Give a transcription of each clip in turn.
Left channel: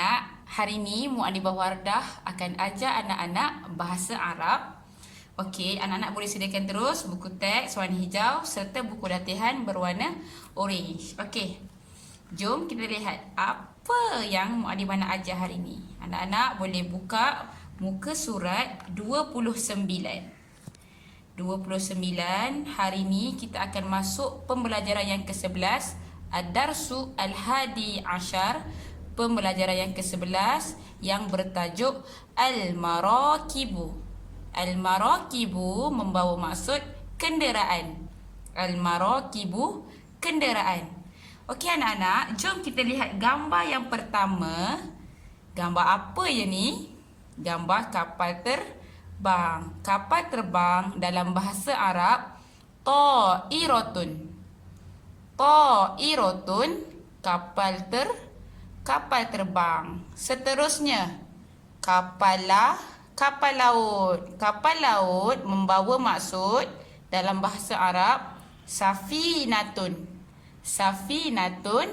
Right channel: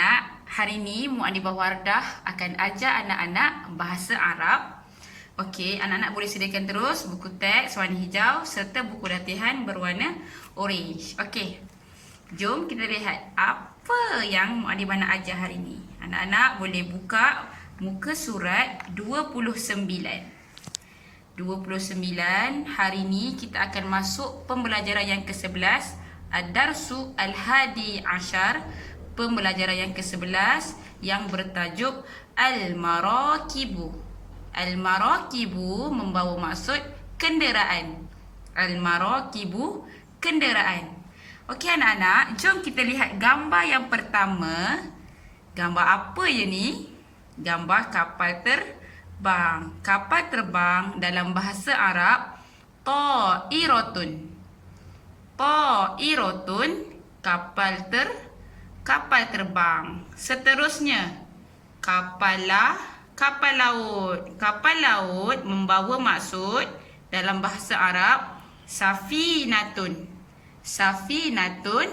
anak-anak, hari ini Muadibah Wardah akan ajar anak-anak bahasa Arab. Okey, anak-anak boleh sediakan terus buku teks warna hijau serta buku latihan berwarna orange. Okey, jom kita lihat apa yang Muadibah nak ajar hari ini. Anak-anak boleh buka muka surat 29. 29, hari ini kita akan masuk pembelajaran yang ke-11, Ad-Darsu Al-Hadi Ashar, pembelajaran yang ke-11 yang bertajuk Al-Marakibu. Al-Marakibu membawa maksud kenderaan. Al-Marakibu, kenderaan. Okey anak-anak, jom kita lihat gambar yang pertama. Gambar apa je ni? Gambar kapal terbang. Kapal terbang dalam bahasa Arab ta'iratun. Ta'iratun, kapal terbang. Seterusnya, kapal laut. Kapal laut membawa maksud dalam bahasa Arab safinatun. Safinatun,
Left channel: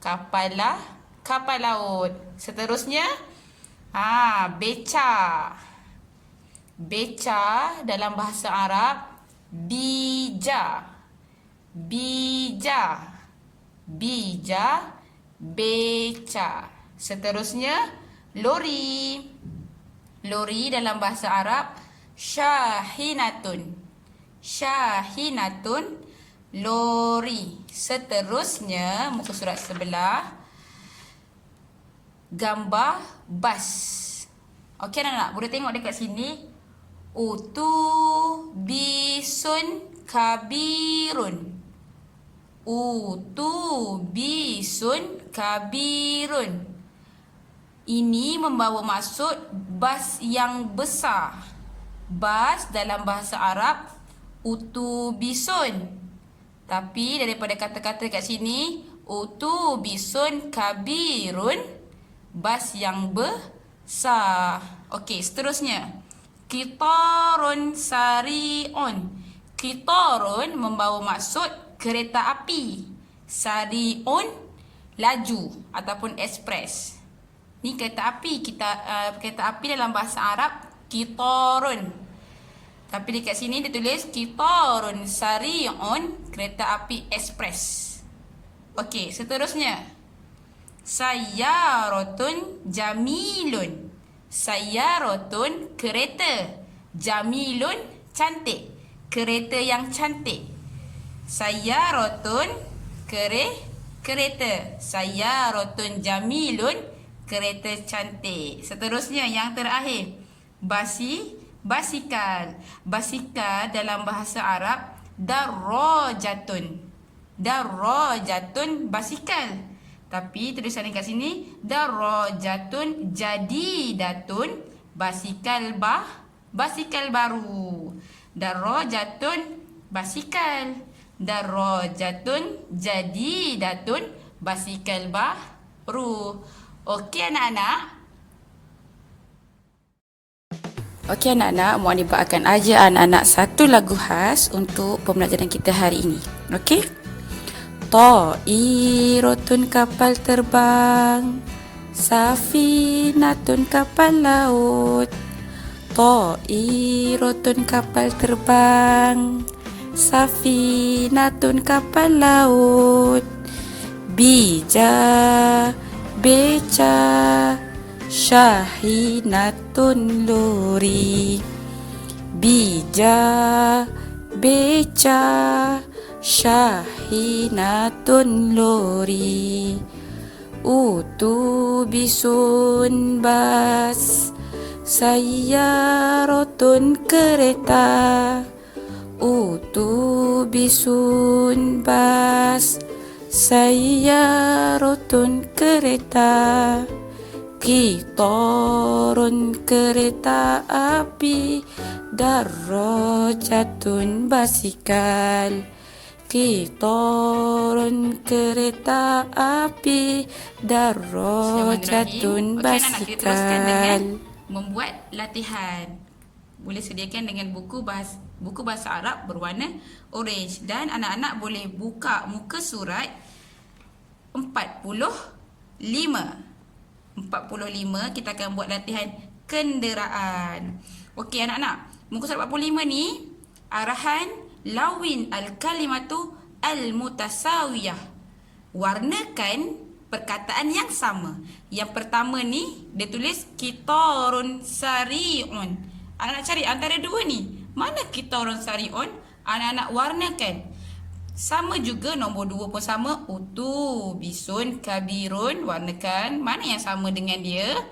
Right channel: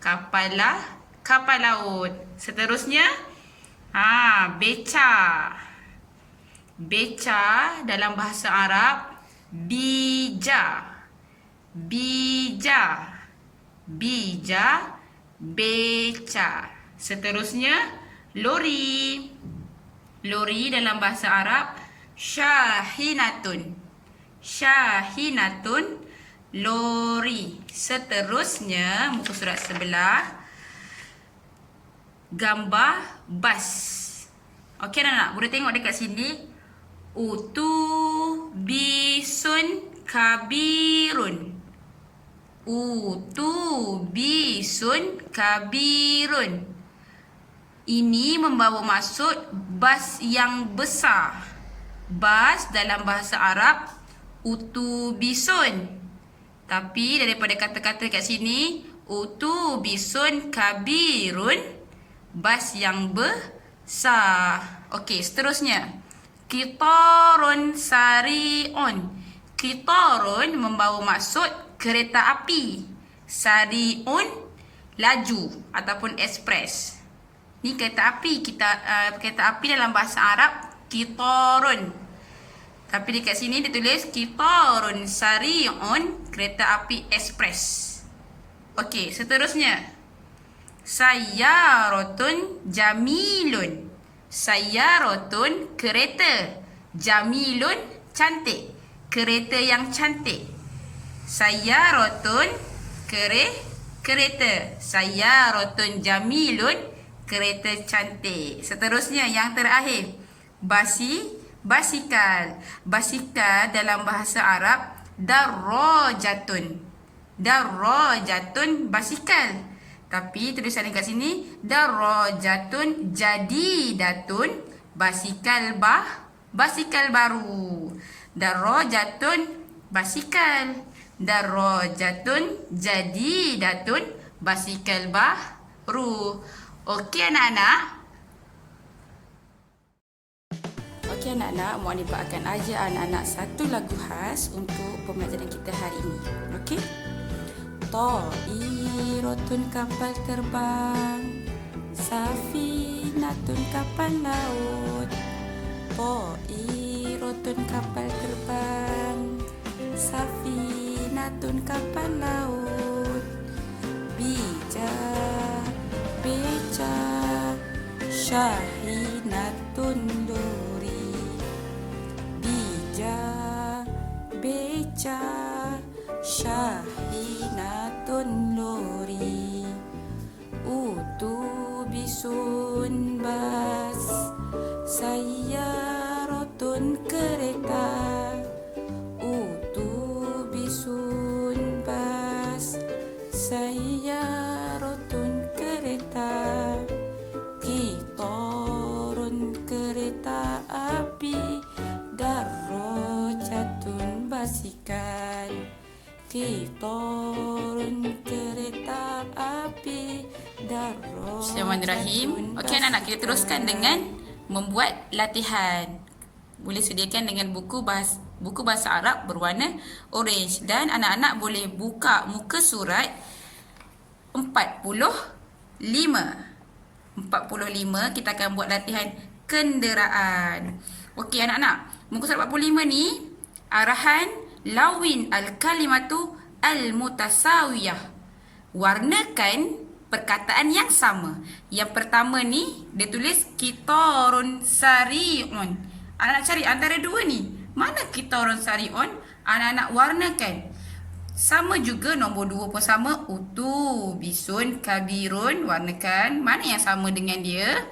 kapal laut. Seterusnya, beca. Beca dalam bahasa Arab bija. Bija. Bija, beca. Seterusnya, lori. Lori dalam bahasa Arab syahinatun. Syahinatun, lori. Seterusnya, muka surat sebelah, gambar bas. Okey anak-anak, boleh tengok dekat sini. Utubisun kabirun. Utubisun kabirun. Ini membawa maksud bas yang besar. Bas dalam bahasa Arab utubisun. Tapi daripada kata-kata kat sini, utubisun kabirun, bas yang besar. Okey, seterusnya, qitarun sari'un. Qitarun membawa maksud kereta api. Sari'un, laju ataupun ekspres. Ni kereta api. Kereta api dalam bahasa Arab qitarun. Tapi dekat sini dia tulis qitarun sari'un, kereta api ekspres. Okey, seterusnya, sayyaratun jamilun. Sayyaratun, kereta. Jamilun, cantik. Kereta yang cantik. Sayyaratun, kereta. Sayyaratun jamilun, kereta cantik. Seterusnya, yang terakhir, basikal. Basikal dalam bahasa Arab darrajatun. Darrajatun, basikal. Tapi tulisan dekat sini darrajatun jadidatun, basikal baru. Darrajatun, basikal. Darrajatun jadidatun, basikal baru. Okey anak-anak. Okey anak-anak, Muadibah akan ajar anak-anak satu lagu khas untuk pembelajaran kita hari ini. Okey? Ta'iratun, kapal terbang. Safinatun, kapal laut. Ta'iratun, kapal terbang. Safinatun, kapal laut. Bija, beca. Syahinatun, lori. Bija, beca. Syahinatun, lori. Utubisun, bas. Sayyaratun, kereta. Utubisun, bas. Sayyaratun, kereta. Qitarun, kereta api. Darrajatun, basikal. Qitarun, kereta api. Darrajatun, basikal. Okey anak-anak, kita teruskan dengan membuat latihan. Boleh sediakan dengan buku bahasa Arab berwarna orange. Dan anak-anak boleh buka muka surat 45. 45 kita akan buat latihan kenderaan. Okey anak-anak, muka surat 45 ni arahan lawin al-kalimatu al-mutasawiyah. Warnakan perkataan yang sama. Yang pertama ni dia tulis kitarun sari'un. Anak-anak cari antara dua ni, mana kitarun sari'un? Anak-anak warnakan. Sama juga nombor 2 pun sama. Utubisun kabirun, warnakan. Mana yang sama dengan dia?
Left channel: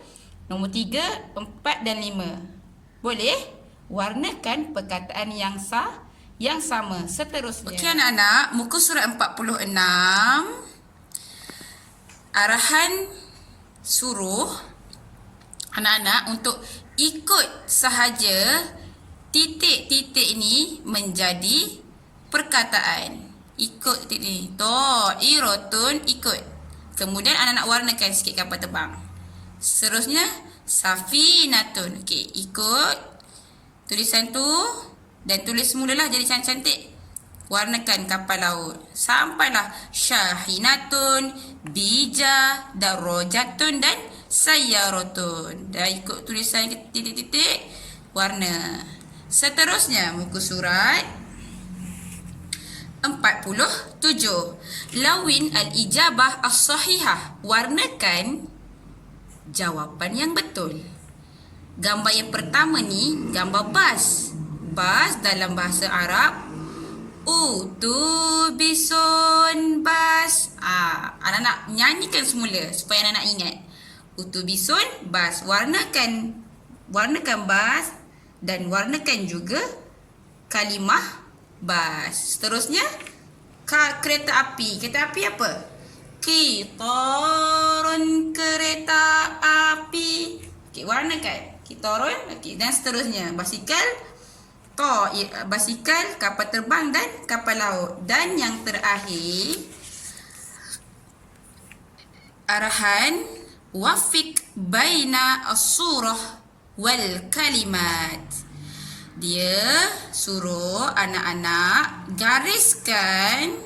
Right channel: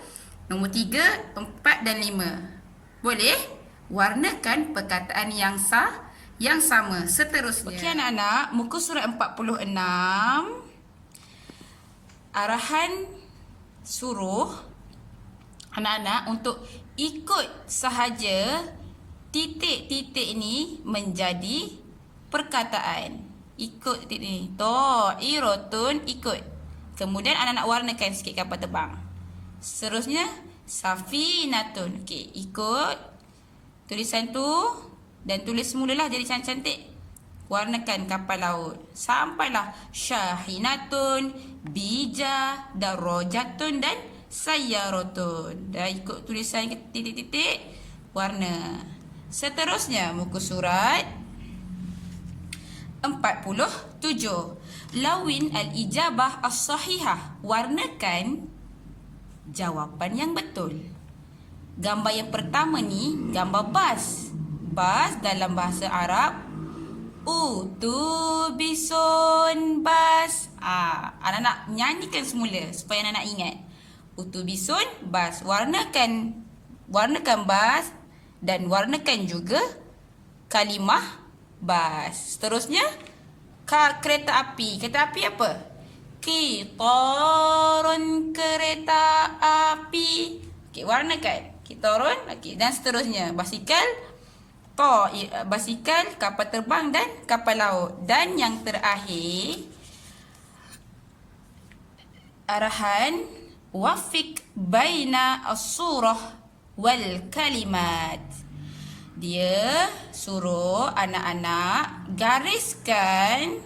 Nombor 3, 4 dan 5. Boleh? Warnakan perkataan yang sama. Seterusnya. Okey anak-anak, muka surat 46. Arahan suruh anak-anak untuk ikut sahaja titik-titik ni menjadi perkataan. Ikut titik ni. Ta'irotun, ikut. Kemudian anak-anak warnakan sikit kapal terbang. Seterusnya safinatun. Okey, ikut tulisan tu dan tulis semulalah jadi cantik-cantik. Warnakan kapal laut. Sampailah syahinatun, bija, darajatun dan sayyaratun. Dah ikut tulisan titik-titik, warna. Seterusnya muka surat 47. Lawin al-ijabah as-sahihah. Warnakan jawapan yang betul. Gambar yang pertama ni gambar bas. Bas dalam bahasa Arab utubisun bas. Anak-anak nyanyikan semula supaya anak-anak ingat. Utubisun bas. Warnakan bas dan warnakan juga kalimah bas. Seterusnya kereta api. Kereta api apa? Kitarun, kereta api. Okey, warnakan. Kitarun. Okey, dan seterusnya basikal, basikal, kapal terbang dan kapal laut. Dan yang terakhir arahan wafik baina as-surah wal kalimat. Dia suruh anak-anak gariskan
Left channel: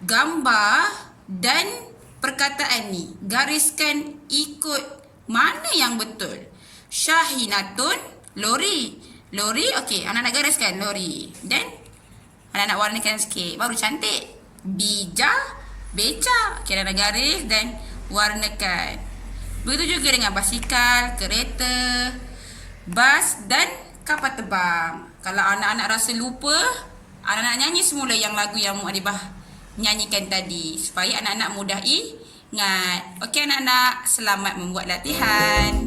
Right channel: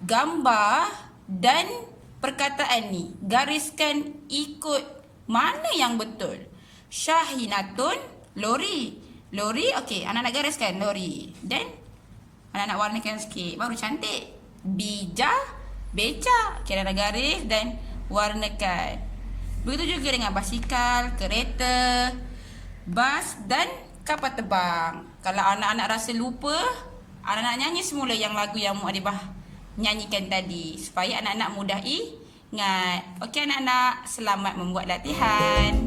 gambar dan perkataan ni. Gariskan ikut mana yang betul. Syahinatun, lori. Lori, okey, anak-anak gariskan lori. Dan anak-anak warnakan sikit, baru cantik. Bija, beca. Okey, anak-anak garis dan warnakan. Begitu juga dengan basikal, kereta, bas dan kapal terbang. Kalau anak-anak rasa lupa, anak-anak nyanyi semula yang lagu yang Mu'adibah nyanyikan tadi supaya anak-anak mudah ingat. Okey anak-anak, selamat membuat latihan.